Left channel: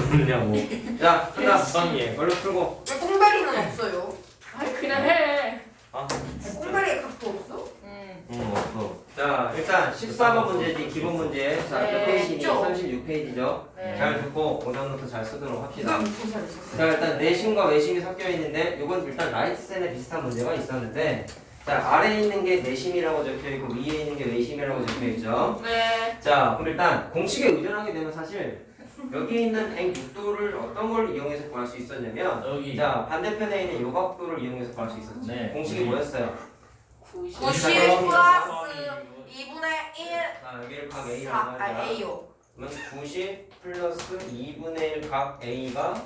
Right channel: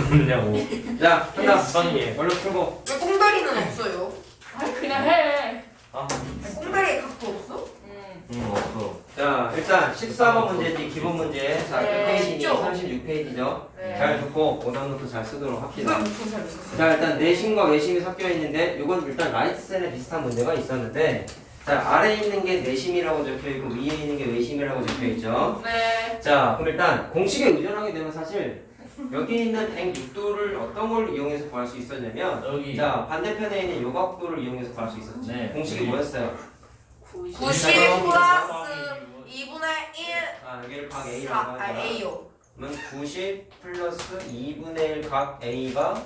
없냐고. 자, 한다. 부산이에. 얼른 풀고. 왜 꽁다리는 없어요? 그냥 해. 꽁다리에 각도 없어? 없어. 자, 일단 14번 문제지, 기본 문제. 자, 네, 몇 페이지니? 쉽죠? 36페이지죠. 네. 잘 듣고 오답노트 잘 쓰도록 합시다. 이걸 못본 사람 있었어. 자, 일단 내심과 외심이 섞여 있는데 이건 일단 라이트센에 비슷한 문제가 있었는데, 자, 아래에 있는 게 내심이라고 적혀 있고 위에 있는 게 외심이라고 적혀 있죠. 네. 자, 그럼 일단 공식에 의존하게 되면 사실 여기 있는 106도를 어떤 걸 이용해서 구할 수 있었냐면, 여기. 자, 반대편에 있는 요 각도를 이용해서 구할 수 있었지. 네. 공식이 뭐였어요? 90 90 플러스 2분의 1 자, 여기를 각 A라고 하자. A요. 그러면 90 플러스 2분의 1 각 A가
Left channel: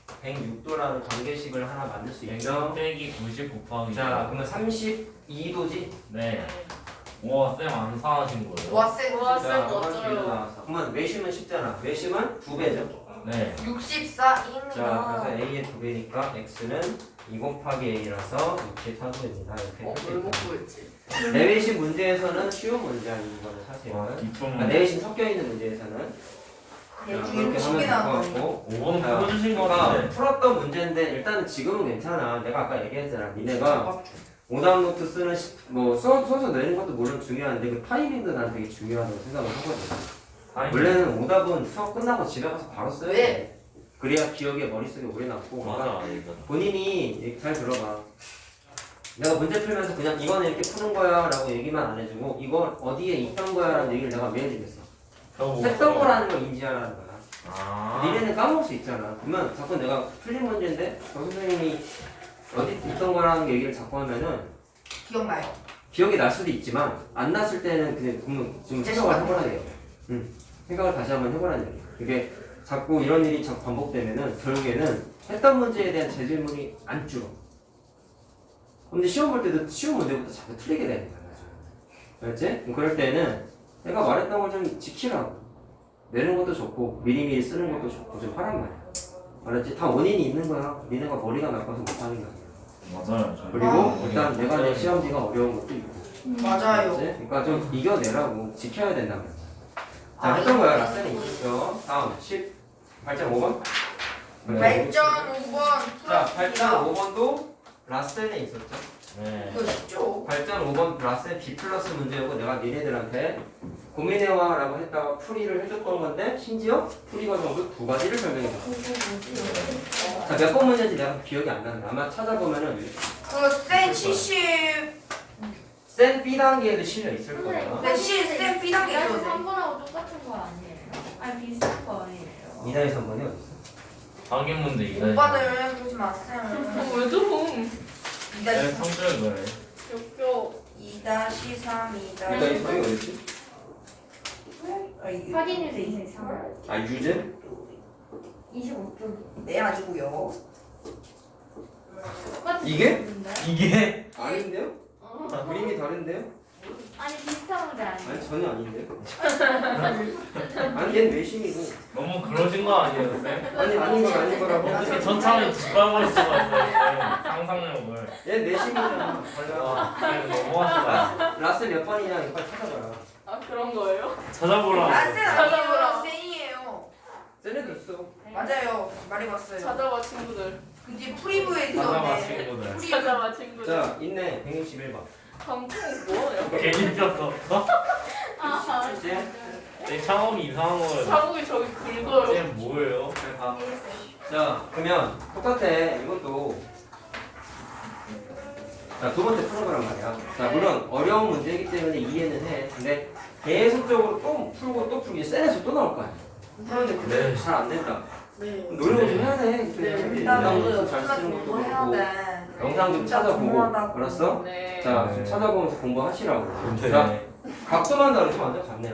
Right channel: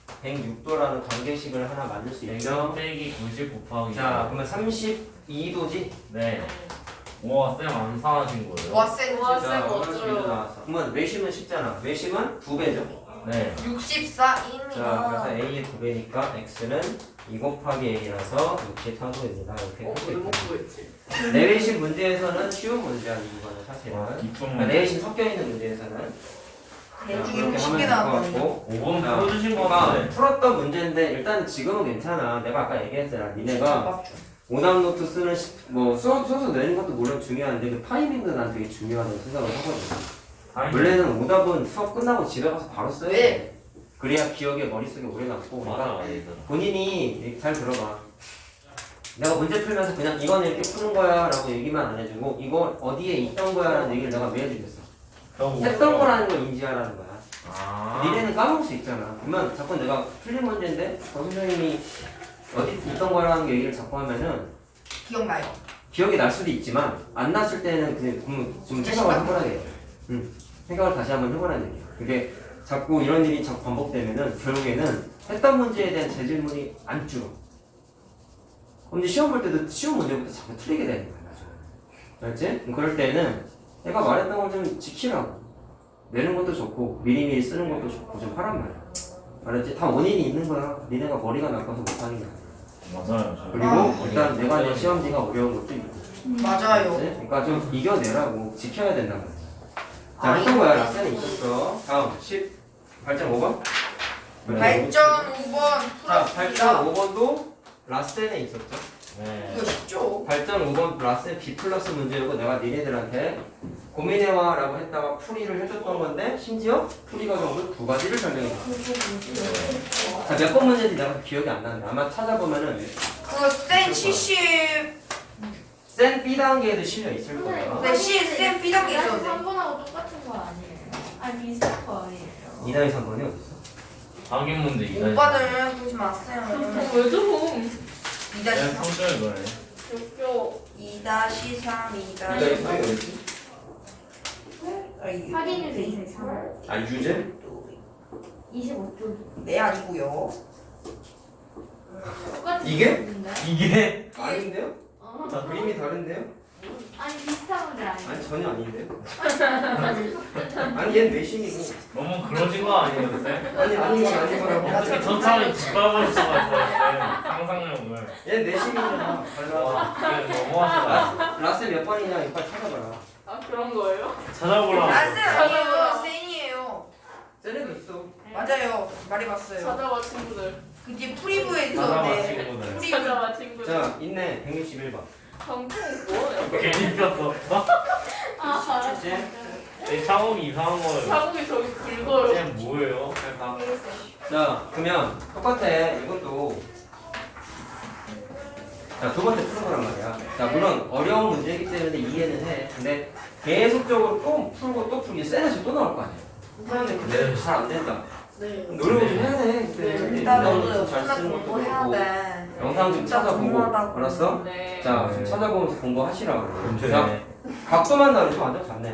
106도라는 관계식을 하나 만들 수 있죠. 빼기 90 곱하기. 자, 그러면 32도지? 네. 와, 쌤 안 사하신 거예요? 와 센. 와, 자, 쌤 32도 어쩌요? 나왔어. 그러면 외심은 쉽잖아. 외심은 2배죠. 네. 64입니다. 자, 그래서 A의 2배니까 X는 2 곱하기 A라서 60하고입니다. 이렇게 할수 있고. 내외심 문제에서는 쉬운 문제 아닌 이거는 사실은. 그러니까 내외심 섞여있는 문제에서는 대중이 그렇게 쉽게 하면 나온 될 것 같고. 5번 자, 풀어주신 거 그러니까 같은데. 풀었던 문제인데 일단 지금은 괜찮아. 내가 아까 얘기했잖아. 니네가 오답 노트 쓰는 뭐 써서 내는 것도 물론 중요한데 그 타이밍도 난 되게 중요하다고 생각을 하거든. 원래는 오답은 수업 끝나고 집에 가서 바로 써야 돼. 그래야 기억에 머릿속에 오래 남고. 그러니까 맞아. 본인이 잘 들어봐. 내가 문제 풀면서 그냥 이거는 이렇게 푸는 거야 라고 얘기만 안 해주고 이거 어디에 있던 거야 라는 얘기를 내가 왜 해주겠어. 했던 거라는 걸 인지하라는 거야. 아. 니네는 까먹을 수 있잖아. 그러면 자꾸 내가 틀린 문제인데 선생님이 어디 있던 거라는 얘기를 자꾸 하면은 기억나요. 기억이 날 수도 있지만 안 났을 때는 그냥 좀 생각을 해보라는 얘기야. 생각을 다시 한번 해보라는 얘기야. 이게 자꾸 이런 일이 자꾸 반복되면은 결국에는 했던 문제에 대한 재질문이 안 줄어. 근데 시험 볼 때도 쉬운 문제부터 자꾸 틀리게 되는 거야. 알지? 그럴 때는 내가 말했던 걸 좀 지키라고. 내는 것도 좋고 미리미리 쓰는 것도 좋고 좀 하란 말이야. 알았지? 다 원인이 있는 거야. 니네가 머리가 나빠서 못하는 게 아니야. 맞아요. 그리고 일단 내가 내 시험지가 어려운 것도 있고. 맞아요. 알았지? 그러니까 좀 이겨내라고 지켜야 된단 말이야. 자, 했던 거야. 라센에 있었어. 다음 10 발전 5번. 발전 5번 자, 발전 풀었습니다. 5번도 라센에 있었죠. 네. 이거 쉽죠? 발전 5번 라센 B 플러스 문제였고 내가 니네들한테 고민해와 라고 했다가 풀이를 해줬던 건데 심지어 풀이 과정도 두 가지를 설명해줬어. 자, 몇 번 문제인지 내가 기억이 안 난다. 아마 찾아보면은 그센 70. 센 B 단계에도 실려 있을 거예요. 네, 센 B 단계 있었는데. 3번하고 똑같은 거 아니에요? 아니 비슷한 거 아니에요? 2단계 3번이 어딨어? 확인 문제 이거. 오빠는 보지 마세요. 왜 좀? 2-3 성격 이거네. 웃겨. 2-3 2단계 3이 어딨지? 확인해서 이상 아, 유제? 25쪽이 네 아니고요. 똑같은 이게? 건데? 이게? 아닌데요? 그림이 다른데요? 아니 비슷한 건데 아니에요? 아니 전혀 아닌데요? 아니 얘는 외심이고 너무 그러신 거 아니에요, 쌤? 아니 아닌 건 아닌 거라고. 어떻게 저 차라리 뒷밟을 수가 있어요, 상상력을. 얘는 외심이잖아. 달라. 그냥 너무하시다. 라스 몇 번이냐 이거 빨리 찾아봐라. 아 그런 거예요? 찾아보라고. 라센 찾아보라. 아니에요. 센이에요. 쟤네도 있어. 맞아요. 말해봤어요. 찾아봐 친구들. 그 뒤에 프리브에서 찾아봐, 네. 친구들. 프리브. 찾아봐 친구들. 자 있네 161번. 방송 뭐야? 괜히 꼈어. 아 이제 내 창업이 이상한 거예요. 자국이 저기 긁어요. 쌤 뭐예요? 잘 가. 자 그러면 똑같아 이것도. 자 두 번째 푸는 거란 말이야. 자 물론 어려운 문제이기 때문에 이해는 해. 근데 계속적으로 또 풀고 또 풀기 센에서 또 나올 거 아니야. 그런데 근데 잘 안 된다. 네. 노력을 좀 해야 돼. 네. 일단은 잘 쓰는 것도 그렇고 영상 좀 찾아보고 알았어? 네. 자 좀 찾아보면서 공부하시라고. 근데 자 각도만 다르지 완전 같네요.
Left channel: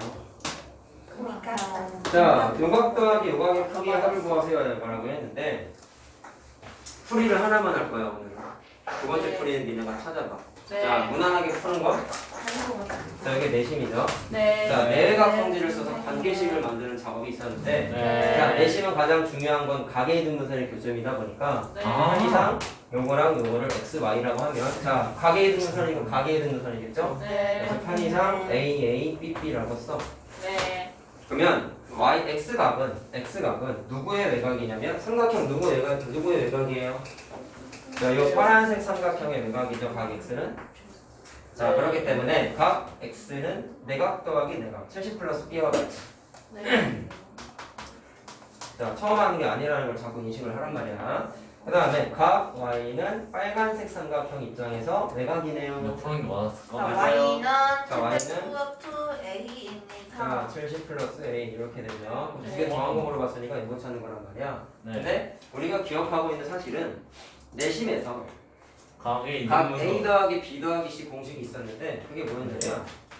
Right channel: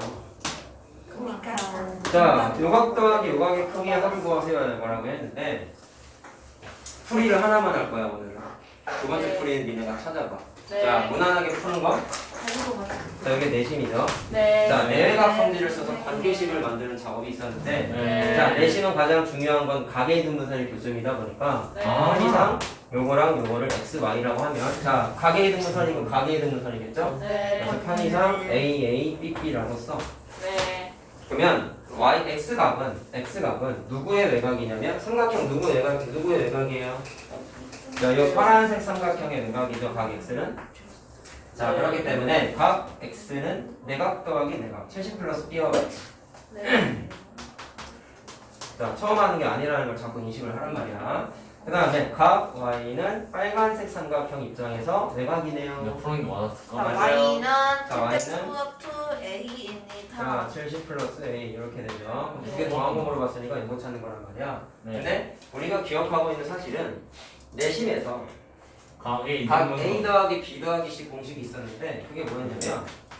자 요각 더하기 요각의 크기의 합을 구하세요 뭐라고 했는데 풀이를 하나만 할 거야 오늘. 두 번째 네. 풀이는 니네가 찾아봐. 네. 자 무난하게 푸는 거. 자 여기 내심이죠. 네. 자 내외각 성질을 써서 관계식을 만드는 작업이 있었는데 네. 자 내심은 가장 중요한 건 가계의 등분선의 교점이다 보니까 네. 이상 요거랑 요거를 x, y라고 하면 자 가계의 등분선이고 가계의 등분선이겠죠? 네. 그래서 편의상 a, a, b, b라고 써. 네. 그러면 x값은 누구의 외곽이냐면 삼각형 누구의 외곽이에요? 자, 이 파란색 삼각형의 외곽이죠. 각 x는. 자, 그렇기 때문에 각 x는 내각 더하기 내각 70 플러스 b와 같이. 네. 자, 처음 하는 게 아니라는 걸 자꾸 인식을 하란 말이야. 그 다음에 각 y는 빨간색 삼각형 입장에서 외곽이네요. 이거 푸는 게 많았어. 자, 맞아요. Y는 자, Y는 Z A입니다. 자, 70 플러스 a 이렇게 되죠. 두 개 더한 거 물어봤으니까 이거 찾는 거란 말이야. 네. 근데 우리가 기억하고 있는 사실은 내심에서 각이 각 있는 a 거. 더하기 b 더하기 c 공식이 있었는데 그게 뭐였냐면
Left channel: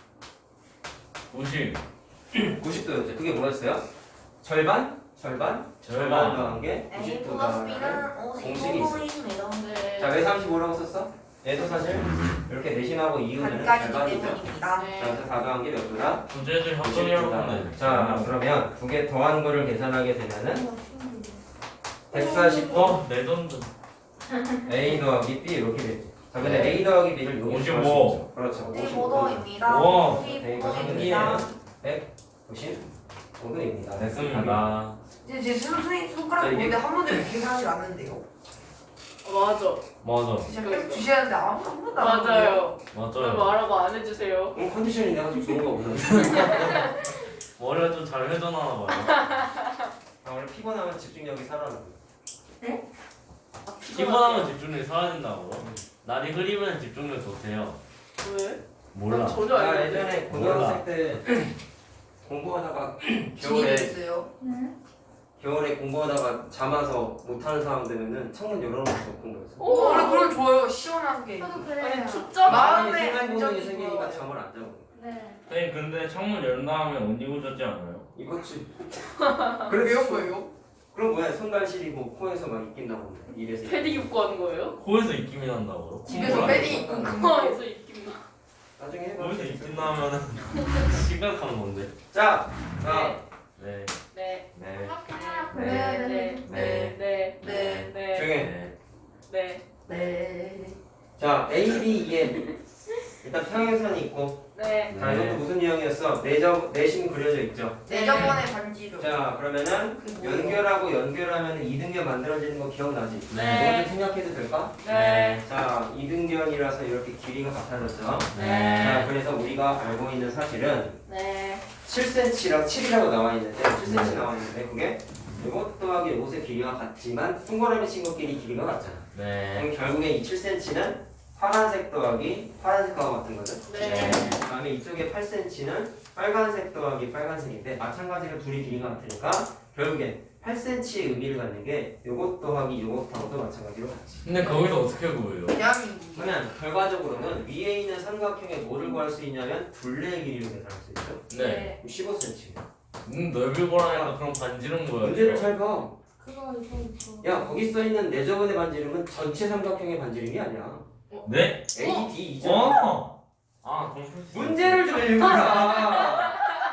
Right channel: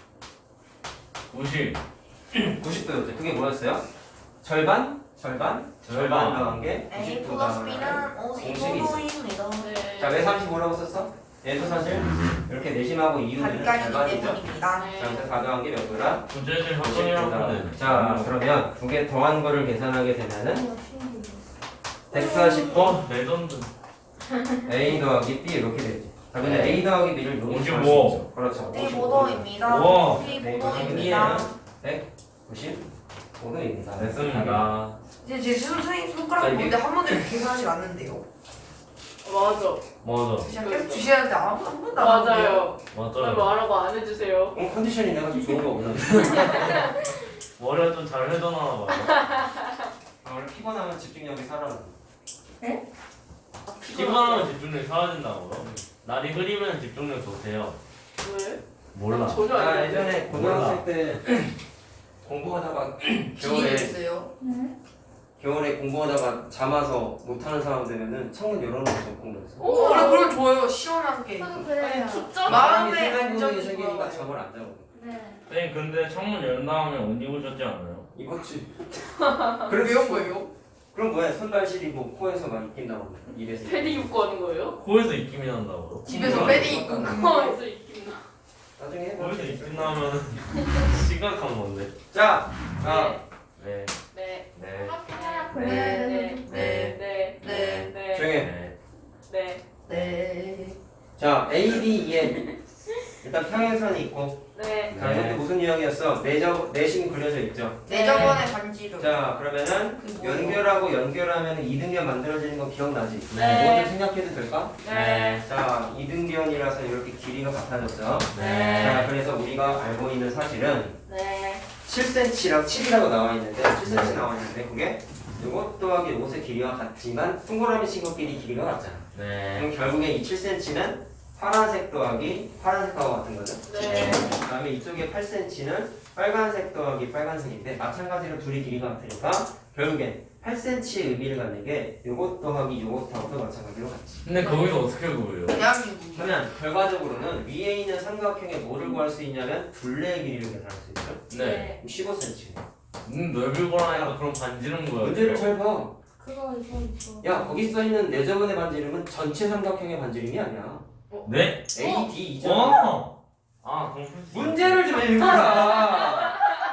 90. 90도였죠. 그게 뭐였어요? 절반 더한 게 A 90도 플러스 더한 게 B는 공식이 있어. 55도입니다. 네. 자, 왜 35라고 썼어? 얘도 사실 이렇게 내심하고 이유는 반까지 절반이죠. 때문입니다. 자, 네. 그래서 가져간 게 몇 도다? 부재들 확정이라고 하면 돼. 자, 그러면 두 개 더한 거를 계산하게 되면은 140도 어? 레전드. a 더하기 b 이렇게 되지. 자, 근데 a 더하기 b를 여기 55. 그렇죠. 네, 55도입니다. 오. 네, 55도입니다. 195도입니다. 됐습니다. 이제 제 선생님 손가락 자, 이게- 보는데 한 번도 계산하지 않는데요. 맞아. 맞아. 진짜 계속 주셔야 하는데 한 번도 안 하는데요. 맞아요. 왜 맞아요. 말하고 안 해주세요? 컨디션이 내가 좀 좋은 거 없는데. 머리가 좀 잘 회전하나 봐요. 아, 원래 피곤하면 집중력이 살아나. 피곤하면 집중력이 사라진다고요? 날이 흐리면 집중력 좋대요. 왜? 몰라. 전혀 나 안 해. 예전에 고등학생 때 공부하다가 겨울에 있어요. 겨울에 공부하다가 잠아서 못하는 상황 되면은 창문 열어놓고 공부했어. 오, 원래 그런 좋아요. 시원한 게. 저도 아니 그래요. 숫자 마음에 사람이 생각 부분이 안정이 생기니까 좋아요. 잠을 안 자고. 네. 네, 근데 창문 연 다음에 옷 입으셨지 않아요? 입었지. 그래 배운 거예요? 그럼 뭐야? 손발 시리고 코에서 막 입김 나오고 입에서. 패딩 입고 하는 거예요? 코에서 입김이 난다고요? 집에서 패딩 입고 코에서 입긴 나. 나중에 해. 코에서 입김 나면은 심각한 건데. 자, 네. 네. 네. 하나 그래야 네. 돼서 네. 네. 네. 네. 조용해. 네. 네. 네. 자, A, B, E에 일단 평행선이 있고. 네. 자, 이것도 무슨 유형이었어? 내심 그려져 있죠. 내저번에 반지로. 자, 그러면은 연결하고 연결하면 이등변 만들어지는 거 기억나지? 네. 뭐좀 생각해도 될까? 네. 자, 이등변이라서 이렇게 길이가 같아졌죠. 네. 자, 그래서 우리가 알고 있는 사실은 네. 7cm랑 7이라고 나와 있는데 7cm 나와 있는데 그게 이것 더하기 옷의 길이가 같지만 동그라미 친구끼리 길이가 같잖아. 네. 그럼 결국에 이 7cm는 파란색 더하기 파란색하고 같은 거죠. 네. 그다음에 이쪽에 8cm는 빨간색 더하기 빨간색인데 마찬가지로 둘이 길이가 같으니까 결국에 8cm의 의미를 갖는 게 요것 더하기 요것하고도 마찬가지로 같지. 근데 거기서 어떻게 구해요? 대한민국. 그러면 결과적으로는 위에 있는 삼각형의 뭐를 구할 수 있냐면 둘레의 길이를 계산할 수 있죠. 네. 15cm. 넓이 보라니까 그럼 반지름 거예요. 문제를 잘 봐. 그거 이거. 야, 거기 써 있는 내 저번의 반지름은 전체 삼각형의 반지름이 아니야. 네? A, D, E 잖아. 어? 아, 그럼 문제를 좀 읽어라.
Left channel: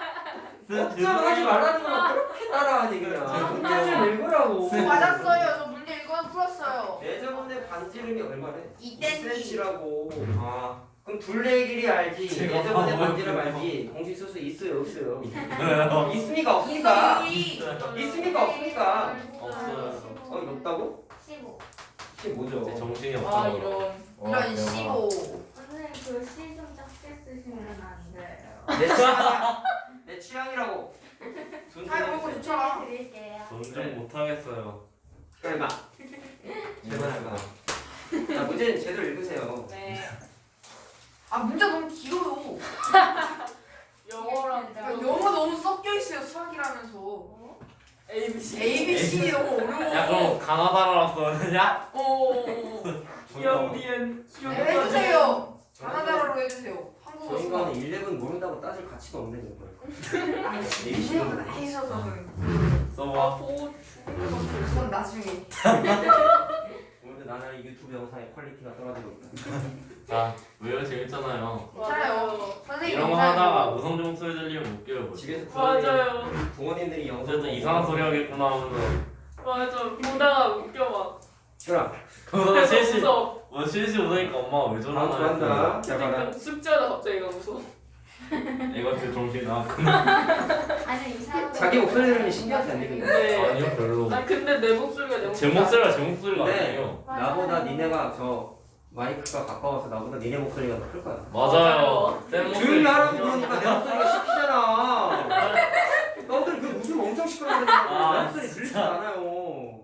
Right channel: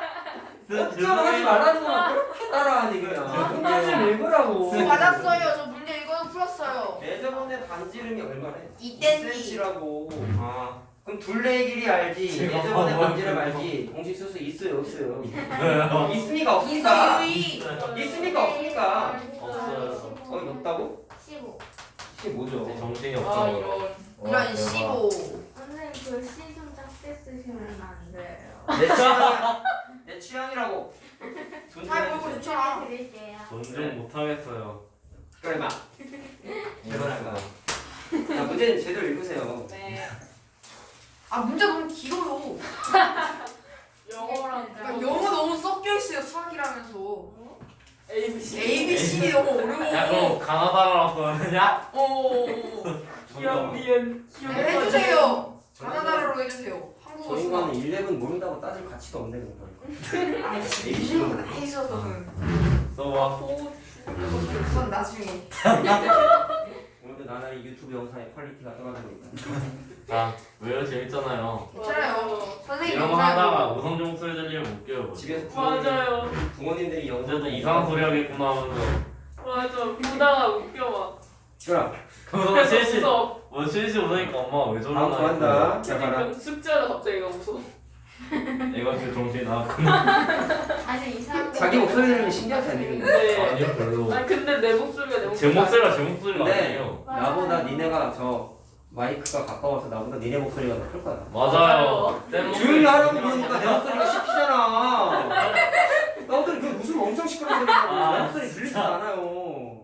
걱정하지 말라는 건 그렇게 따라하니 그냥. 문제 좀 읽으라고. 맞았어요. 저 문제 이거는 풀었어요. 내 저번의 반지름이 얼마래? 2cm. 2cm라고. 아, 그럼 둘레의 길이 알지. 내 저번의 반지름 알지. 공식 수수 있어요, 없어요? 있습니까, 없습니까? 있습니까, 없습니까? 없어요. 없다고? 15. 15죠. 정신이 아 없어. 이런. 이런 15. 오늘 글씨 좀 작게 쓰시면 안 돼요. 내 취향이야. 내 취향이라고. 잘 보고 있잖아. 드릴게요. 전쟁 못하겠어요. 그래 봐. 제대로 할 거야. 자, 문제는 제대로 읽으세요. 네. 아 문제 너무 길어요. 영어랑 그러니까 영어 너무 섞여 있어요. 수학이라면서. ABC. ABC 너무 어려워. 야, 그럼 가나다라고 써느냐? 오. 기억니은 네, 해주세요. 가나다라로 해주세요. 저 한국어 인간은 수학. 11 모른다고 따질 가치도 없네 그거. 아니 ABC는 해서는 써봐. 그건 나중에. 오늘도 나날이 유튜브 영상의 퀄리티가 떨어지고 있다. 자, 왜요? 재밌잖아요. 괜찮아요. 선생님 이런 거 영상 하다가 보고. 우성 종 소리 들리면 웃겨요. 집에서 맞아요. 부모님들이 영상 어쨌든 이상한 소리 하겠구나 하면서 맞아. 보다가 웃겨 막. 그럼 그래서 실시 무서워. 뭐 실시 오니까 엄마가 왜 다음 거 저러나 한다. 자, 봐라. 숙제하다 갑자기 가 무서워. 내가 그 정신이 나왔구나. 아니 이상한 자기 목소리 들으면 신기하지 않니? 근데? 근데 아니요 별로. 아 근데 내 목소리가 내 제 목소리가 제 목소리가 근데 아니에요. 나보다 니네가 저 마이크가 가까워서 나보다 니네 목소리가 더 클 거야. 맞아요. 쌤 목소리 조용히 하라고 그러니까 내 목소리가 씹히잖아. 너들 그 웃음 엄청 시끄러워 들리고 내 목소리 들리지 않아요.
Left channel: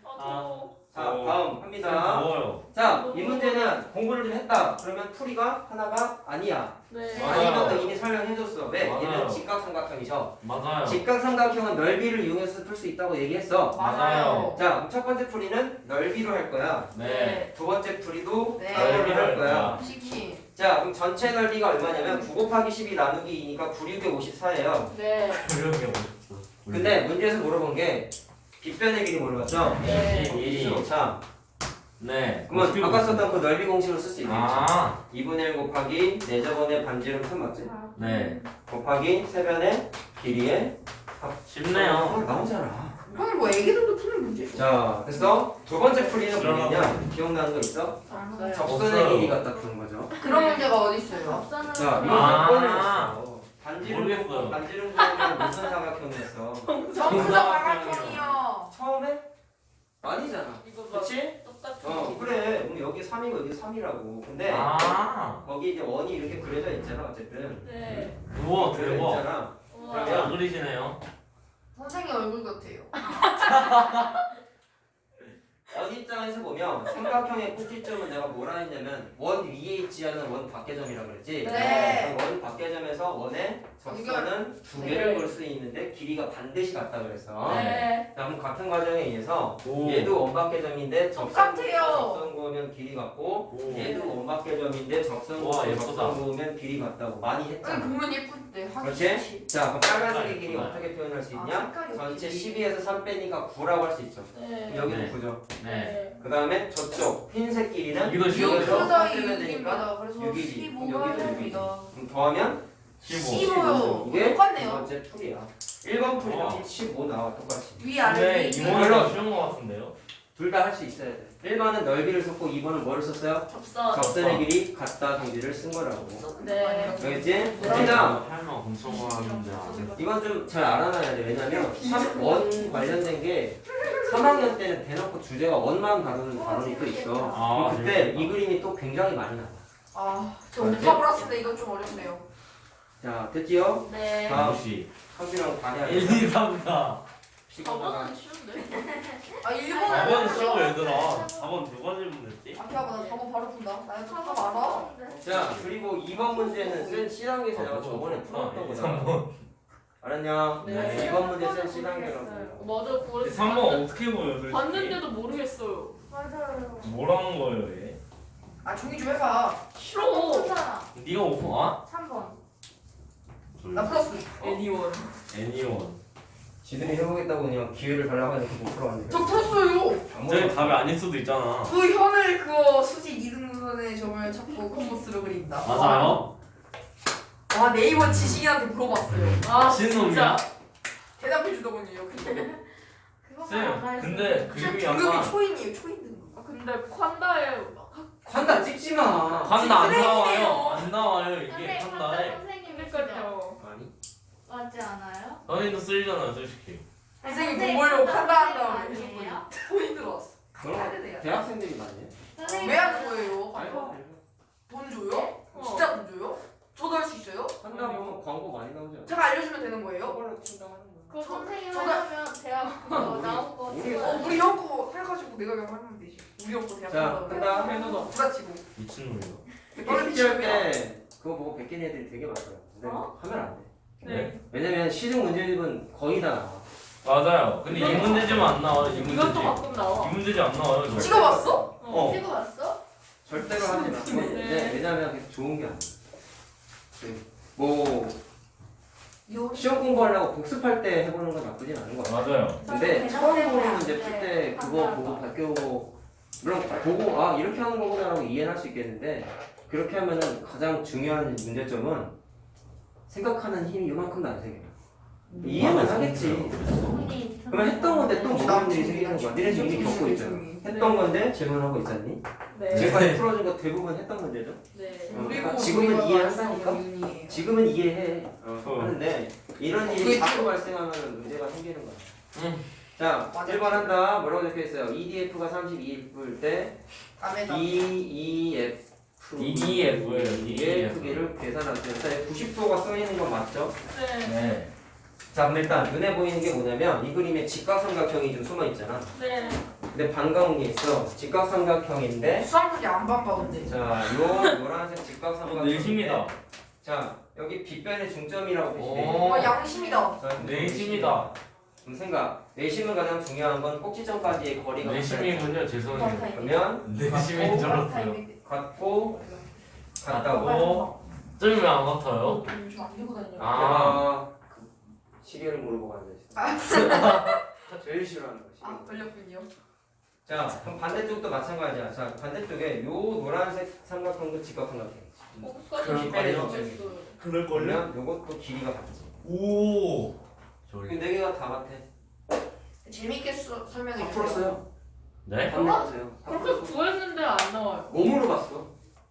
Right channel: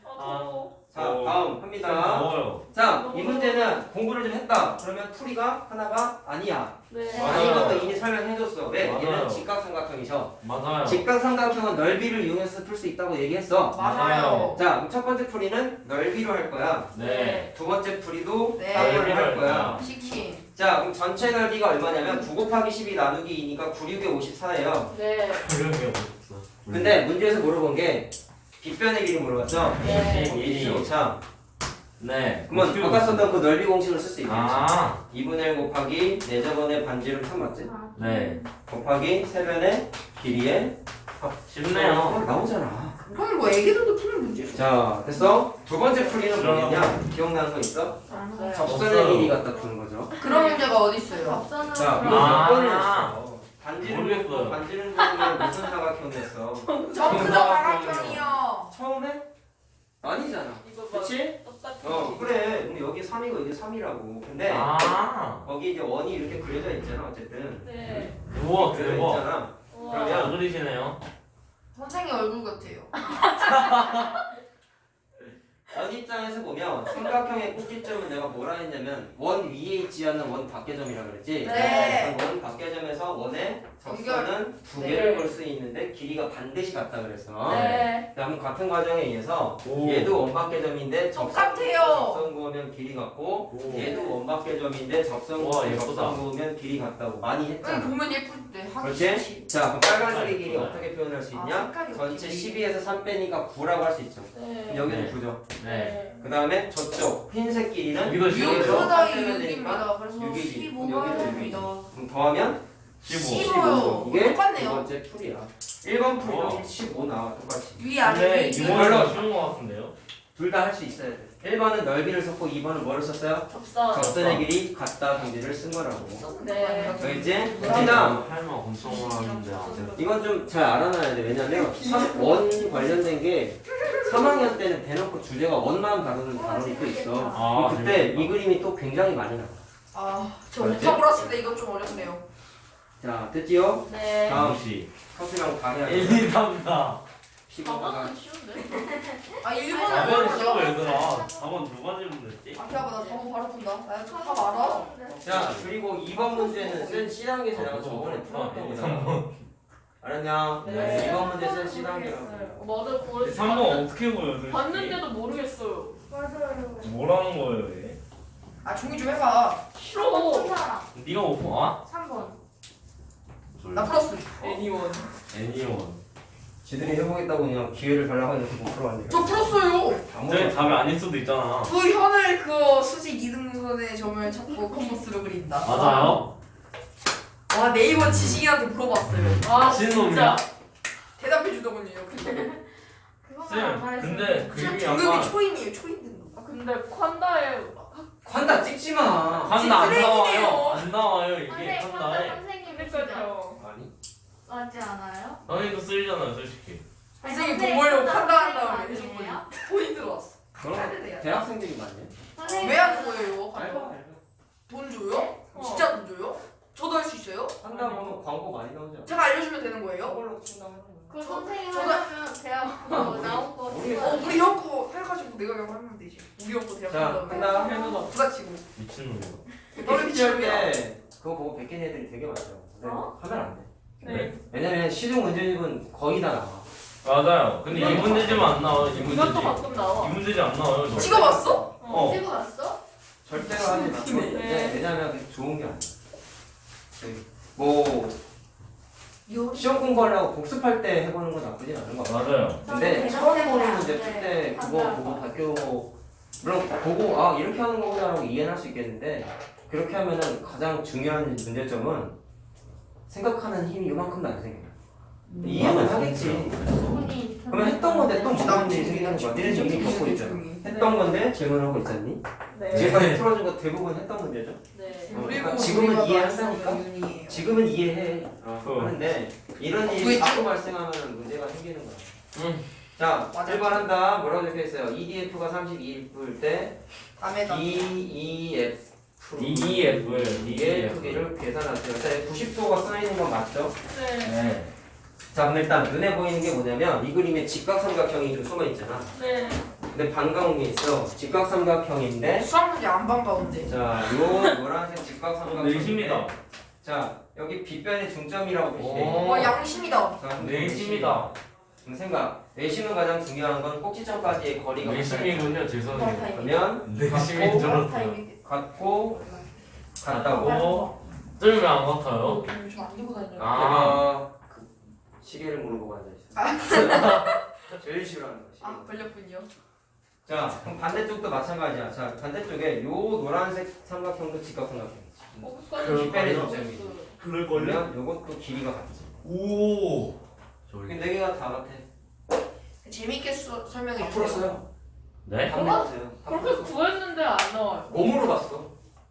자 다음 합니다. 더워요. 자 이 문제는 공부를 좀 했다. 그러면 풀이가 하나가 아니야. 네. 아닌 것도 이미 설명해줬어. 왜? 맞아요. 얘는 직각삼각형이죠. 맞아요. 직각삼각형은 넓이를 이용해서 풀 수 있다고 얘기했어. 맞아요. 자, 첫 번째 풀이는 넓이로 할 거야. 네. 두 번째 풀이도 네. 따로를 할 거야. 치킨. 자, 그럼 전체 넓이가 얼마냐면 9 곱하기 12 나누기 2니까 9, 6에 54예요. 네. 조용히 없어. 근데 문제에서 물어본 게 빗변의 길이 물어봤죠? 네. 1.5차. 네. 그러면 아까 썼던 그 넓이 공식을 쓸 수 있겠지. 아. 2분의 1 곱하기 4저번의 반지름 3 맞지? 네. 곱하기 세변의 길이에 쉽네요. 나오잖아. 이거는 뭐 애기들도 푸는 문제죠. 자, 됐어? 두 번째 풀이는 뭐겠냐? 기억나는 거 있어? 안 접선의 길이 갖다 푸는 거죠. 그런 문제가 어디 있어요? 접선으로 자, 이거 아. 몇 번을 했어? 반지름 모르겠어요. 곱고 반지름 곱으면 무슨 사각형이었어? 전부 다 사각형이요. 처음에? 아니잖아. 이거 봐. 그치? 똑같은 그래. 근데 여기 3이고 여기 3이라고. 근데 아. 거기 이제 원이 이렇게 그려져 있잖아. 어쨌든. 네. 우와 그려져 대박. 있잖아. 우와. 잘 그리시네요. 선생님 얼굴 같아요. 원 입장에서 보면 삼각형의 꼭지점은 내가 뭐라 했냐면 원 위에 있지 않은 원 밖의 점이라 그랬지. 네. 그럼 원 밖의 점에서 원의 접선은 두 개를 걸 수 있는데 길이가 반드시 같다 그랬어. 네. 자, 그럼 같은 과정에 의해서 오. 얘도 원 밖의 점인데 똑같아요. 접선 그으면 길이 같고 오. 얘도 원 밖의 점인데 접선 우와, 그으면 예쁘다. 접선 그으면 길이 같다고 많이 아니 했잖아. 보면 예쁠 때 하기 그렇지? 싫지. 자, 그럼 빨간색의 길이 어떻게 표현할 수 있냐? 색깔이 전체 어떻게 12에서 3 빼니까 9라고 할 수 있죠. 네. 여기는 네. 9죠. 네. 그 다음에 저쪽 흰색 길이는 여기도 6 6에서 더하기 3 빼면 되니까 6입니다. 그래서 6이지. 15가 여기도 6이지. 됩니다. 그럼 더하면 15. 15요. 이게 두 똑같네요. 번째 풀이야. 1번 풀이랑 와. 15 나와 똑같이. 위 근데 아래 위. 이모가 쉬운 것 같은데요? 둘 다 할 수 있어야 돼. 1번은 넓이를 썼고 2번은 뭐를 썼어요? 접선. 접선의 길이 같다 경지를 쓴 거라고. 네. 알겠지? 그다음 할말 엄청 하는데. 이건 좀 잘 알아놔야 돼. 왜냐면 원 관련된 게 3학년 때는 대놓고 주제가 원만 다루는 단원이 또 있어. 아, 그럼 그때 이 그림이 또 굉장히 많이 나와. 저 알지? 오빠 몰았을 때 이건 좀 어렵네요. 자, 됐지요? 네. 다음. 시 컷이랑 다 해야 1, 돼. 2, 3, 4. 시간마다. 저번은 쉬운데? 아 1번을 4번 쉬워 얘들아. 4번 누가 질문 됐지? 아 기다려봐 나 4번 바로 푼다. 나 답 알아. 자, 그리고 2번 문제는 센 C단계에서 내가 저번에 풀었던 거잖아. 알았냐? 네. 2번 문제 센 C단계라고. 맞아. 그래서 3번 어떻게 보여 솔직히? 봤는데도 모르겠어요. 맞아요. 뭐라는 거예요 얘? 아 종이 좀 해봐. 싫어. 사람 네가 못 봐? 아? 3번. 나 플러스. 애니원. 애니원. 지들이 해보겠다고 그냥 기회를 달라고 해서 못 풀어왔네. 저 풀었어요. 저희 답이 아닐 수도 있잖아. 그 현을 그 수직 이등분선의 점을 찾고 콤보스를 그린다. 맞아요? 와 네이버 지식인한테 물어봤어요. 아 신놈이야? 진짜. 대답해 주더군요. 그거만 쌤, 잘했어요. 근데 그림이 등급이 약간 초임이에요. 초임 등급. 아 근데 콴다에 관다 찍지 마. 간다 안 쓰레기네요. 나와요. 안 나와요 이게 선생님, 간다에. 선생님이시죠? 그러니까요. 아니. 맞지 않아요? 선생님도 쓰이잖아요 솔직히. 선생님 선생님, 돈 벌려고 판다 판다 한 다음에 선생님 아니에요? 돈이 들어왔어. 그런 거 대학생들이 많네. 선생님 왜 하는 거예요? 알바. 돈 줘요? 어. 진짜 돈 줘요? 저도 할 수 있어요? 한다 보면 광고 많이 나오죠. 제가 알려주면 되는 거예요? 저걸로 친다고 하는 거야. 그 선생님 저거- 하려면 대학 나온 거 우리- 찍어야 우리 형 거 해가지고 내가 영어 하면 되지. 우리 형거 대학 자, 간다고. 한다. 해보자. 누가 치고. 미친놈이야. 너는 시험 미치겠네. 때 그거 보고 베낀 애들이 되게 많더라고. 근데 어? 하면 안 돼. 네. 왜냐면 시중 문제집은 거의 다 나와. 맞아요. 근데 이 문제지만 안 나와요. 이 이것도 문제지. 가끔 나와. 이 문제지 안 나와요. 절대. 찍어봤어? 어. 찍어봤어? 절대로 하지 마. 네. 왜냐면 그게 좋은 게 아니야. 뭐 요. 시험 공부하려고 복습할 때 해보는 건 나쁘진 않은 거 같아. 맞아요. 근데 저는 처음 대답 보는 이제 때문에 그때 그거 판단한 보고 거. 바뀌고 물론 보고 아 이렇게 하는 거구나라고 이해는 할 수 있겠는데 그렇게 하면은 가장 중요한 문제점은 생각하는 힘이 이만큼도 안 생겨. 이해는 하겠지. 그분이 그러면 했던 건데 또 모르는 일이 생기는 거야. 니네 지금 이미 겪고 있잖아. 했던 건데 질문하고 있었니? 네. 지금까지 풀어준 거 대부분 했던 문제죠? 네. 그리고 지금은 우리가 이해한다니까? 말하는 이유예요. 지금은 이해해. 하는데 이런 일이 그게 자꾸 발생하면 문제가 생기는 거야. 자, 맞아. 1번 한다. 뭐라고 적혀 있어요? EDF가 32일 때 밤에다. DEF EDF예요. 이게 크기를 계산하세요. 일단 90도가 써 있는 건 맞죠? 네. 네. 자, 그럼 일단 눈에 보이는 게 뭐냐면 이 그림에 직각삼각형이 좀 숨어 있잖아. 네. 근데 반가운 게 있어. 직각삼각형인데 수학문제 안 반가운데. 자, 요 노란색 직각삼각형인데 내심이다. 자, 여기 빗변의 중점이라고 표시돼 오. 있어. 양심이다. 내심이다. 그럼 생각. 내심은 가장 중요한 건 꼭지점까지의 거리가 내심이군요. 죄송해요. 그러면 내심인 줄 알았어요. 같고 같다고 좀 왜 안 같아요? 저안 들고 다녀요. 아. 그 시계를 물어보고 앉아있어. 제일 싫어하는 거지. 아 걸렸군요. 자, 그럼 반대쪽도 마찬가지야. 자, 반대쪽에 요 노란색 삼각형도 직각삼각형이지. 끝까지 빗변의 중점이. 그럴걸요? 그러면 요것도 길이가 같지. 오. 그 네 개가 다 같아. 재밌게 설명해 다 주세요. 풀었어요. 네? 다 풀었어요. 다 그렇게 풀었어. 구했는데 안 나와요. 뭐 물어봤어?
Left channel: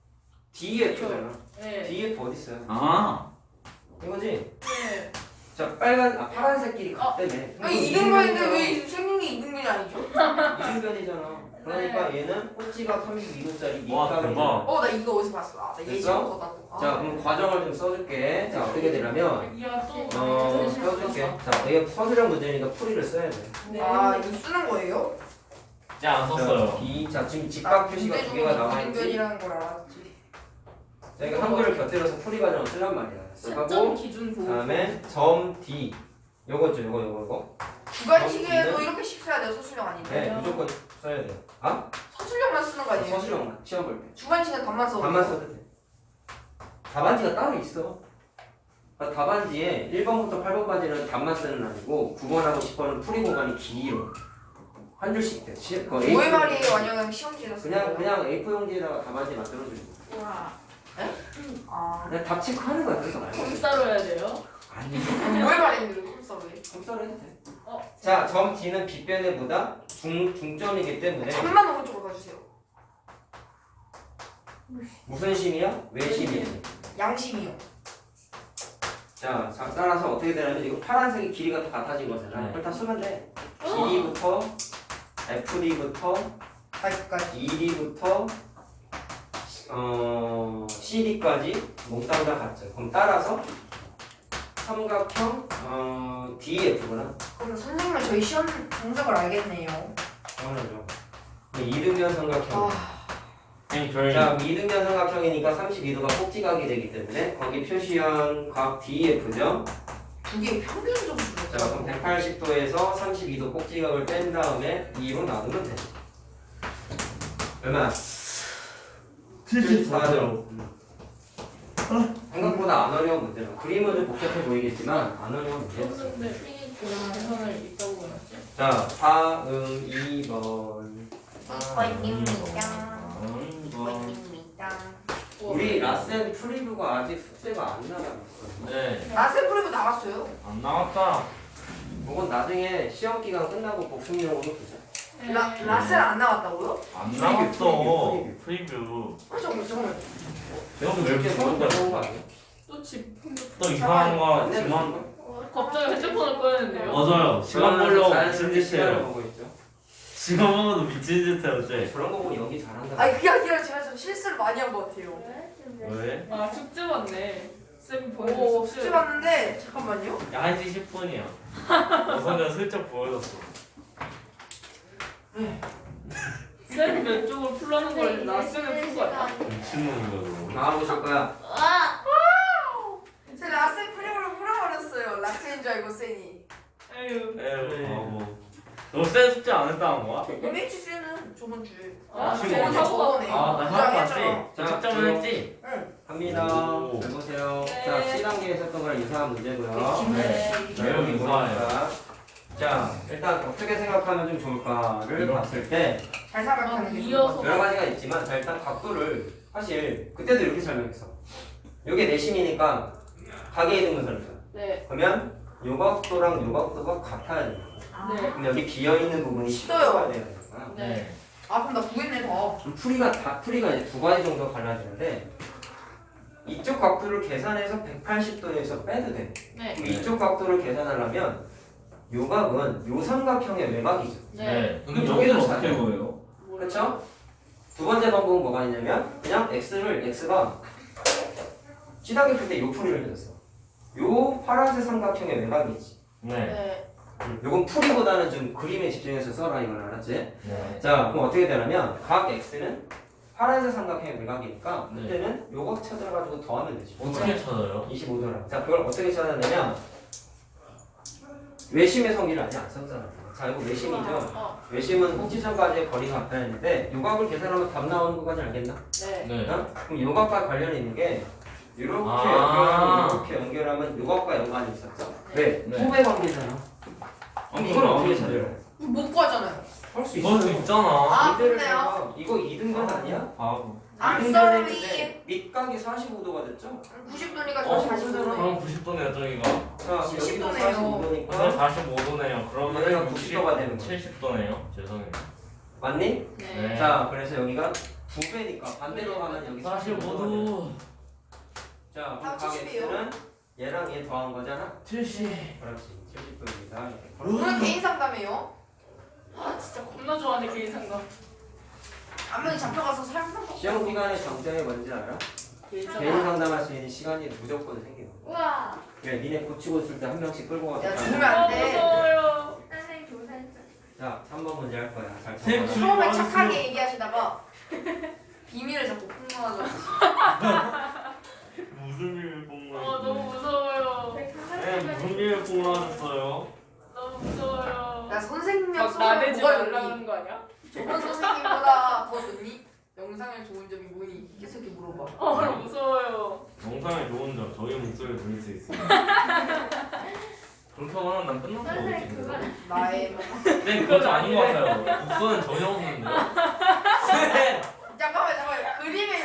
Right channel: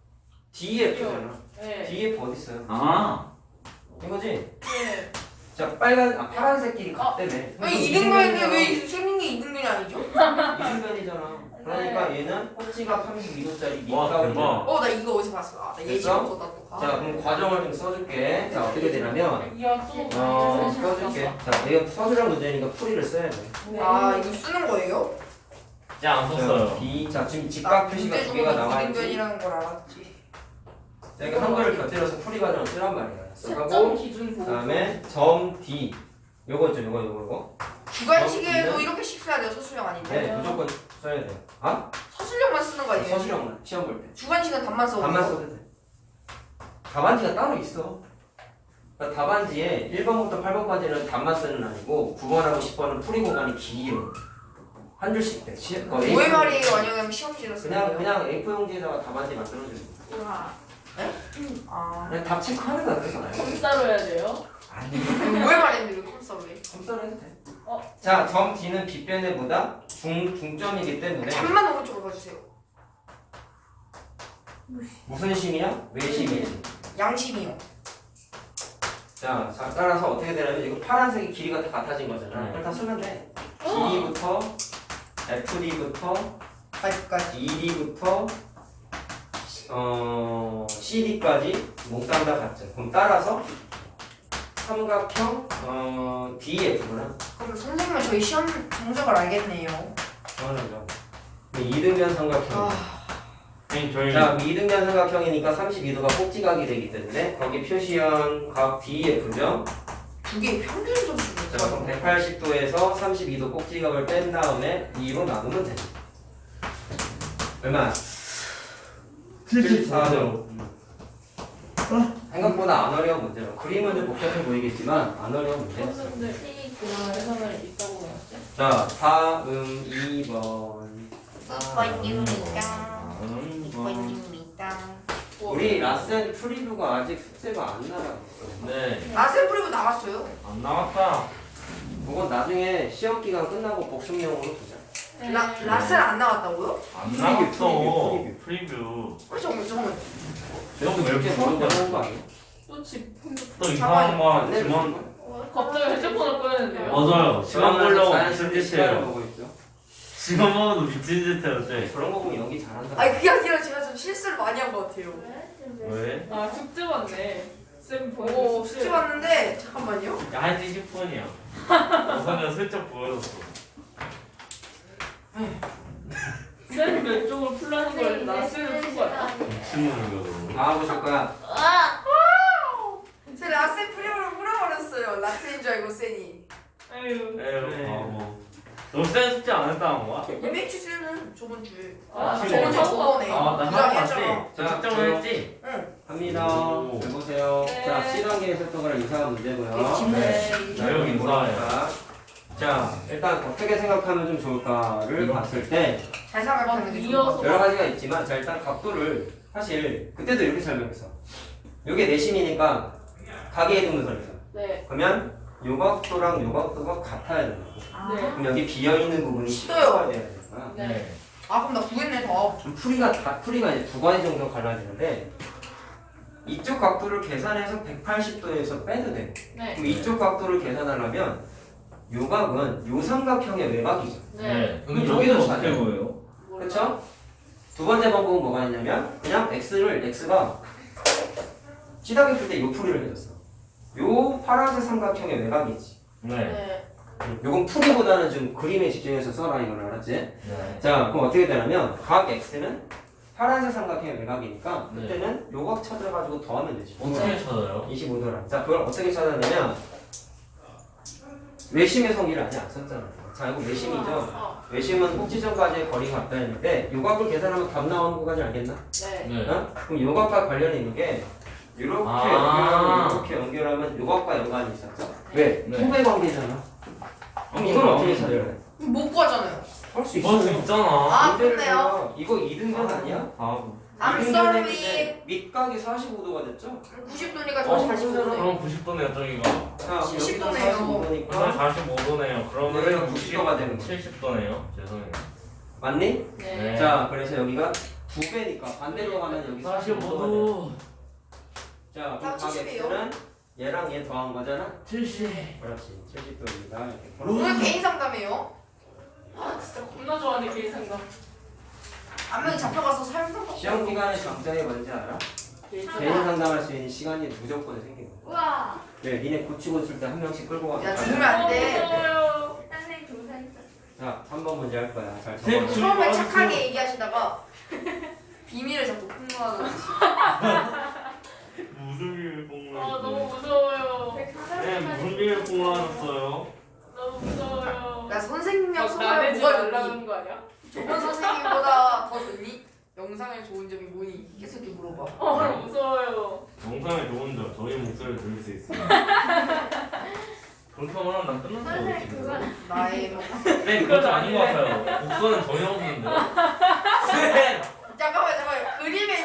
DF잖아. 네. DF 어디 있어요? 아. 이거지? 네. 자, 파란색 길이 같다며. 아니 이등변인데 왜 생긴 게 이등변이 아니죠? 이등변이잖아. 그러니까 얘는 꼭지가 32도짜리 와, 밑각이잖아. 대박. 나 이거 어디서 봤어? 나 예시 됐어? 보다 또. 자, 그럼 과정을 좀 써줄게. 자, 어떻게 되냐면 이야 또 써줄게. 자, 이거 서술형 문제니까 풀이를 써야 돼. 아 이거 쓰는 거예요? 이제 안 자, 썼어요. B, 자 지금 직각 표시가 두 개가 나와 있지. 이등변이라는 걸 알았지. 자, 이거 한글을 곁들여서 풀이 과정을 쓰란 말이야. 채점 하고 기준 보고. 그다음에 점 D. 요거죠, 요거. 주관식에도 네. 이렇게씩 써야 돼요. 서술형 아닌데. 네, 무조건 써야 돼. 아? 서술형만 쓰는 거 아니에요? 서술형만 시험 볼 때. 주관식은 답만 써도 답만 돼요. 써도 돼. 답안지가 따로 있어. 그러니까 답안지에 1번부터 8번까지는 답만 쓰는 아니고 9번하고 10번은 풀이 공간이 길어. 한 줄씩 돼. 뭐의 말이에요? 아니면 시험지에서 쓰는 거예요? 그냥 A4 용지에다가 답안지 만들어주는 거. 우와. 아 그냥 답 체크하는 거야. 그래서 말고. 검사로 해야 돼요. 아니, 뭐의 말인데 이거 컴싸 왜? 검사를 해도 돼. 어. 자, 점 D는 빗변에보다 중점이기 때문에 잠만 오른쪽으로 가주세요. 무슨 심이야? 외심이지. 양심이요. 자, 따라서 어떻게 되냐면 이거 파란색이 길이가 다 같아진 거잖아. 네. 그걸 다 쓰면 돼. 길이부터 FD부터 가지까지. 2D부터 CD까지 몽땅 다 같죠. 그럼 따라서 삼각형 DF는 그럼 선생님은 저희 시험 성적을 알겠네요. 당연하죠. 이등변 삼각형. 선생님 저희 자, 이등변 삼각형이니까 32도가 꼭지각이 되기 때문에 거기 표시한 각 DF죠. 두 개 평균 점수. 자, 그럼 180도에서 32도 꼭지각을 뺀 다음에 2로 나누면 되죠. 얼마? 74점. 생각보다 안 어려운 문제라. 그림은 좀 복잡해 보이겠지만 안 어려운 문제였어. 근데 계산을 있다고 나왔죠? 자, 다음 2번. 우리 라센 프리뷰가 아직 숙제가 안 나갔어. 네. 라셀 프리브 나갔어요? 안 나왔다. 그건 나중에 시험 기간 끝나고 복습용으로 보자. 라셀 안 나갔다고요? 안 프리뷰, 나왔어. 프리뷰. 프리뷰. 잠깐만. 내가 왜 이렇게 모르는 거 하는 거 아니야? 또집 또 이상한 거 안 내, 지만 갑자기 핸드폰을 꺼냈는데요. 맞아요. 시간 걸려고 자연스럽게 미친 짓 시간을 해요. 보고 있죠. 시간 먹어도 미친 짓 해요, 쟤. 그런 거 보면 연기 잘한다. 아니 그게 아니라 제가 좀 실수를 많이 한 것 같아요. 왜? 아 숙제 봤네. 쌤 오 보여줘. 숙제 봤는데 잠깐만요. 야, 1시 10분이야. 우선은 슬쩍 보여줬어. 쌤 왼쪽으로 풀라는 거였는데 나 쌤을 푼 거야. 미친놈이거든. 다 보실 거야. 제가 라셀 프리브를 풀어버렸어요. 라셀인 줄 알고 쌤이. 아유. 에휴, 바보. 너쌤 숙제 안 했다는 거야? MH 쌤은 저번 주에. 아, 지금 저번에. 아, 나 부장 하고 했잖아. 왔지? 저 측정을 했지? 갑니다. 오. 잘 보세요. 네. 자, C단계에 있었던 거랑 유사한 문제고요. 네. 자, 여기 뭐라고할까? 자, 일단 어떻게 생각하면 좀 좋을까를 봤을 때 잘 생각하는 게 이어서. 좋을 것 여러 가지가 있지만 자, 일단 각도를 사실 그때도 이렇게 설명했어. 이게 내심이니까 각의 이등분선이잖아. 네. 그러면 요 각도랑 요 각도가 같아야 된다고. 네. 그럼 여기 비어 있는 부분이 싫어요. 식도가 돼야 되는 거야. 네. 아 그럼 나 구했네 더. 풀이가 이제 두 가지 정도 갈라지는데 이쪽 각도를 계산해서 180도에서 빼도 돼. 네. 그럼 이쪽 각도를 계산하려면 요 각은 요 삼각형의 외곽이죠. 네. 그럼 이거 여기도 어떻게 찾아요. 보여요? 그렇죠? 두 번째 방법은 뭐가 있냐면 그냥 x가 찌다기 풀 때 요 풀이를 해줬어. 요 파란색 삼각형의 외곽이지. 네. 네. 요건 풀이보다는 좀 그림에 집중해서 써라 이걸 알았지? 네. 자 그럼 어떻게 되냐면 각 x는 파란색 삼각형의 외곽이니까 네. 그때는 요각 찾아가지고 더하면 되지. 어떻게 찾아요? 25도라. 자 그걸 어떻게 찾아내냐면 외심의 성의를 아직 안 썼잖아. 자 이거 외심이죠. 외심은 꼭지점까지의 거리가 같다 했는데 요각을 계산하면 답 나오는 거까지 알겠나? 네. 네. 어? 그럼 요각과 관련이 있는 게 이렇게 아. 연결하면 이렇게 연결하면 요각과 연관이 있었죠. 왜? 네. 후배 관계잖아. 그럼 이걸 어떻게 찾아요? 못 구하잖아요. 할 수 이거 있어요. 있잖아. 아, 이대로 그렇네요. 해서 이거 이등변 아니야? 아, I'm 이등변인데 sorry. 밑각이 45도가 됐죠? 90도니까 어, 저 45도. 그럼 90도네요, 저기가. 자, 70 여기가 도네요. 45도니까 45도네요. 그러면 여기가 90도가 되는 거야. 70도네요. 죄송해요. 맞니? 네. 자, 그래서 여기가 2배니까 반대로 가면 여기 45도가 돼. 45도. 자, 그럼 아, 각 70이에요? x는 얘랑 얘 더한 거잖아? 70. 그렇지. 70도입니다. 이렇게 오늘 개인 상담이에요. 아 진짜 겁나 좋아하네 개인 상담. 안면 잡혀가서 살면 시험 기간의 장점이 뭔지 알아? 개인 상담할 수 있는 시간이 무조건 생기는 거야. 우와. 왜? 니네 고치고 있을 때 한 명씩 끌고 가서 야 잘 죽으면 해. 안 돼. 무서워요. 선생님 조사했죠. 자, 3번 문제 할 거야. 잘 쌤, 적어. 처음에 착하게 얘기하시다가 비밀을 자꾸 폭로하더라고. 무슨 일을 아 너무 무서워요. 네, 무슨 일을 공부하셨어요? 너무 무서워요. 야 선생님 막 수업을 나대지 뭐가 좋니? 말라는 거 아니야? 저번 선생님보다 더 좋니? 영상에 좋은 점이 뭐니? 계속 이렇게 물어봐. 무서워요. 영상에 좋은 점, 저희 목소리를 들을 수 있습니다. 그렇게 하면 난 끝난 거 선생님 같은데. 그건 나의 네, 그것도 아닌 것 같아요. 목소리는 전혀 없는데. 네. 잠깐만 그림에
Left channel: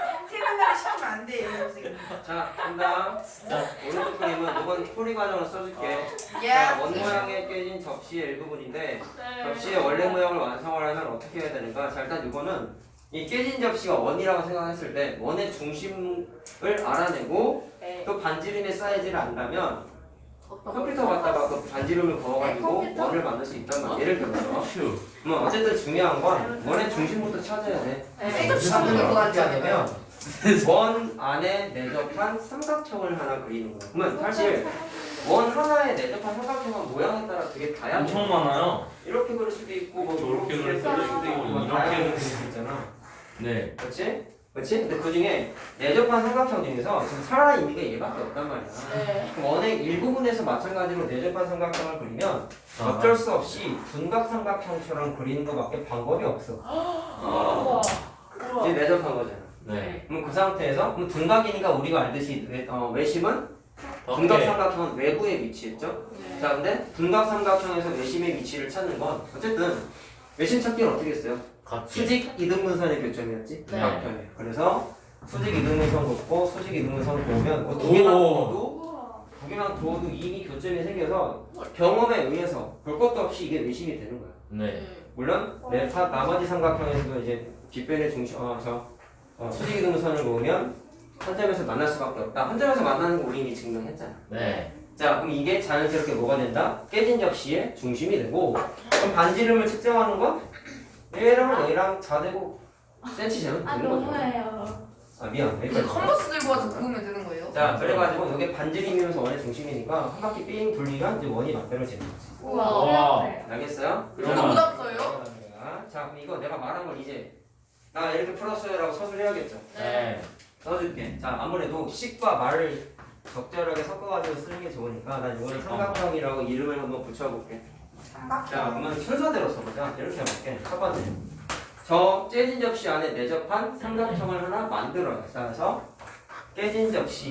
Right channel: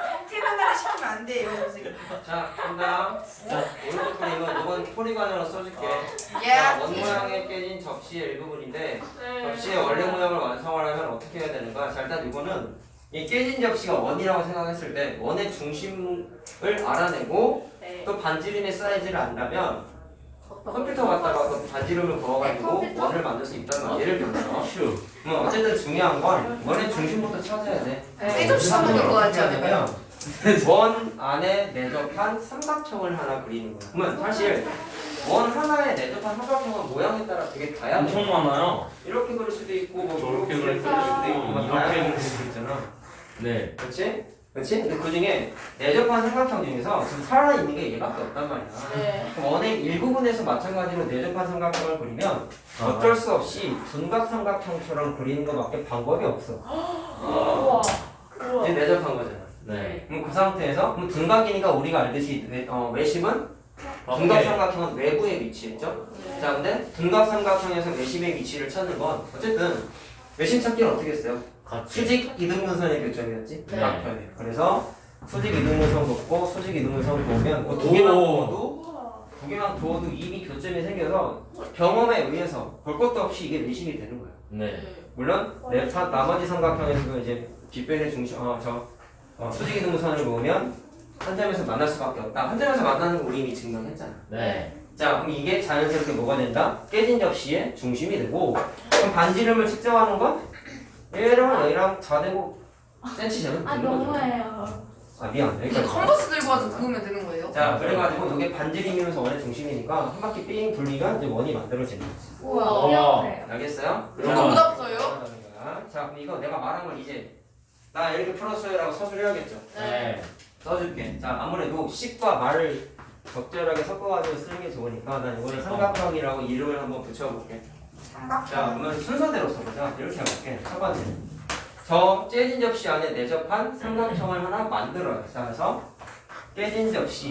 형태를 시키면 안 돼요 선생님. 자, 간다. 자, 오른쪽 그림은 이번 풀이 과정을 써줄게. 자, 예. 원 모양에 깨진 접시의 일부분인데 네. 접시의 원래 모양을 완성을 하면 어떻게 해야 되는가? 자, 일단 이거는 이 깨진 접시가 원이라고 생각했을 때 원의 중심을 알아내고 네. 그 반지름의 사이즈를 안다면 어, 컴퓨터 갖다가 그 반지름을 그어가지고 컴퓨터? 원을 만들 수 있단 말이야. 예를 들어서. 휴. 어쨌든 중요한 건 원의 중심부터 찾아야 돼. 셋업시 그래서 한번 어떻게 이거 하냐면 원 안에 내접한 삼각형을 하나 그리는 거야. 그러면 사실 원 하나에 내접한 삼각형은 모양에 따라 되게 다양해. 엄청 많아요. 이렇게 그릴 수도 있고 뭐 저렇게 이렇게 그릴 그릴 수도 수도 있고 있고, 막 이렇게 다양하게 그릴 그릴 수 있잖아. 네. 그렇지? 그렇지? 근데 그 중에 내접한 삼각형 중에서 지금 살아있는 게 얘밖에 없단 말이야. 네. 그럼 원의 일부분에서 마찬가지로 내접한 삼각형을 그리면 어쩔 수 없이 둔각 삼각형처럼 그리는 것밖에 방법이 없어. 우와. 이제 내접한 거잖아. 네. 그럼 그 상태에서 그럼 둔각이니까 우리가 알듯이 외심은 둔각 삼각형은 외부에 위치했죠. 네. 자, 근데 둔각 삼각형에서 외심의 위치를 찾는 건 어쨌든 외심 찾기는 어떻게 했어요? 같이. 수직 이등분선의 교점이었지. 네. 각편에. 그래서 수직 이등분선 긋고 수직 이등분선 그으면 두 개만 그어도 우와. 두 개만 그어도 이미 교점이 생겨서 경험에 의해서 볼 것도 없이 이게 외심이 되는 거야. 네. 물론 나머지 삼각형에서도 이제 빗변의 중심 수직 이등분선을 그으면 한 점에서 만날 수밖에 없다. 한 점에서 만나는 거 우리 이미 증명했잖아. 네. 자, 그럼 이게 자연스럽게 뭐가 된다? 깨진 접시의 중심이 되고 그럼 반지름을 측정하는 건 얘랑 얘랑 자대고 센치 제로 아 되는 거죠. 너무해요. 아 미안. 근데 여기까지. 컨버스 들고 와서 그으면 되는 거예요? 자, 그래가지고 이게 반지름이면서 원의 중심이니까 한 바퀴 삥 돌리면 이제 원이 만들어지는 거지. 우와 우와. 어려워요. 알겠어요? 저도 못 왔어요. 자, 그럼 이거 내가 말한 걸 이제 나 이렇게 풀었어요라고 서술해야겠죠. 네. 써줄게. 자, 아무래도 식과 말을 적절하게 섞어가지고 쓰는 게 좋으니까 난 이거를 삼각형이라고 이름을 한번 붙여볼게. 자, 그러면 순서대로 써보자. 이렇게 해볼게. 첫 번째. 저 깨진 접시 안에 내접한 삼각형을 하나 만들어요. 자, 그래서 깨진 접시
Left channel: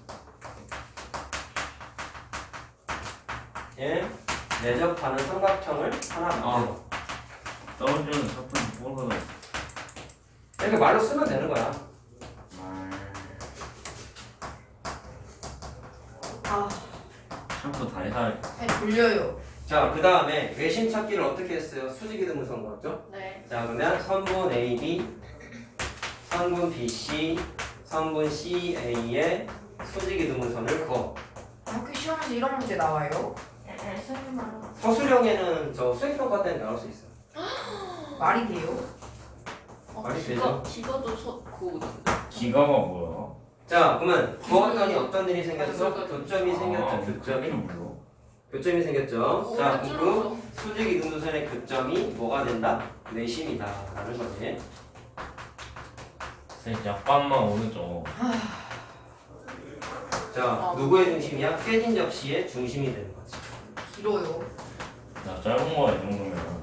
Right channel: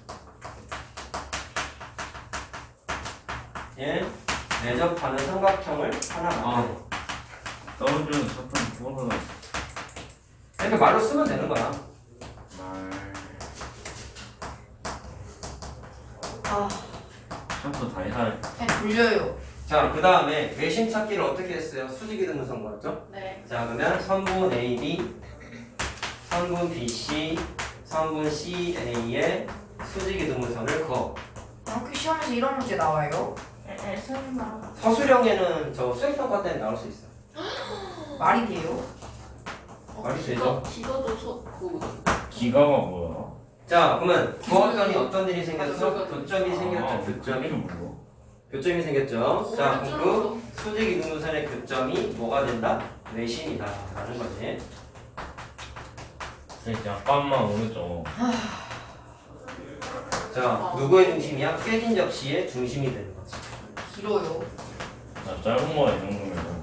에 내접하는 삼각형을 하나 만들어. 떨어지는 작품 뭐가 이렇게 말로 쓰면 되는 거야. 샴푸 다 해야 그냥 돌려요. 자, 그 다음에 외심 찾기를 어떻게 했어요? 수직이 등분선 거였죠? 네. 자, 그러면 선분 AB, 선분 BC, 선분 CA의 수직이 등분선을 그어. 학교 시험에서 이런 문제 나와요? 설마. 서술형에는 저 수행평가 때는 나올 수 있어요. 말이 돼요? 말이 되죠? 기가도 그 기가가 뭐야? 자, 그러면 그었더니 어떤 일이 생겼어? 교점이 생겼죠, 아, 교점이. 뭐야? 교점이 생겼죠. 자, 그럼 그 오른쪽으로. 수직 이등분선의 교점이 뭐가 된다? 내심이다 라는 거지. 쌤 약간만 오른쪽. 자, 누구의 중심이야? 깨진 접시의 중심이 되는 거지. 길어요. 나 짧은 거야 이 정도면.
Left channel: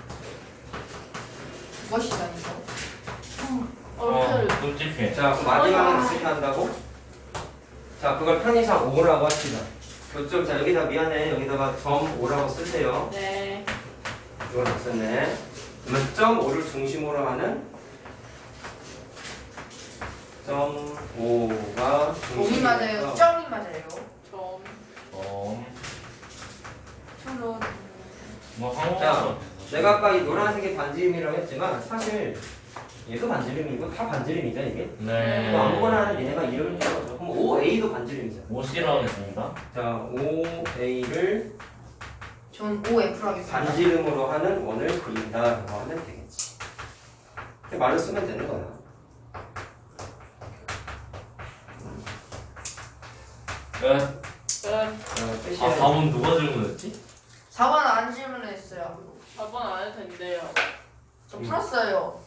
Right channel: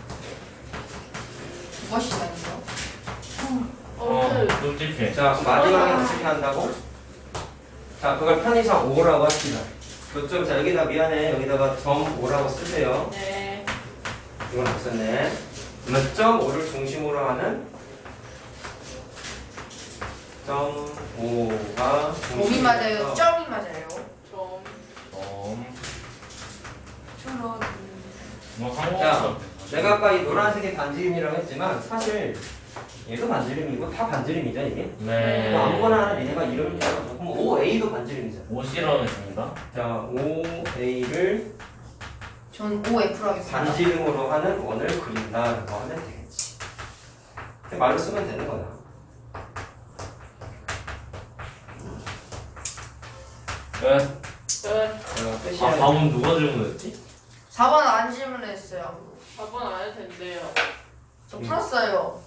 두번 시간이죠? 끔찍해. 자, 그럼 마지막에 어떻게 한다고? 자, 그걸 편의상 5라고 합시다. 교점, 자, 여기다 미안해. 여기다가 점 5라고 쓰세요. 네. 이건 없었네. 그러면 점 5를 중심으로 하는 점 5가 점이 맞아요? 점이 맞아요? 좀. 저런. 뭐 자, 한국어. 내가 아까 이 노란색이 반지름이라고 했지만 사실 얘도 반지름이고 다 반지름이죠 이게. 네. 뭐 아무거나 하는 얘네가 이름을 따로 그럼 OA도 반지름이잖아. 옷이라는 겁니다. 자, OA를 전 OF로 하겠습니다. 반지름으로 하는 원을 그린다라고 하면 되겠지. 이렇게 말로 쓰면 되는 거야. 끝. 끝. 아, 답은 누가 질문했지? 4번 안 질문했어요. 4번 안 해도 된대요. 저 풀었어요.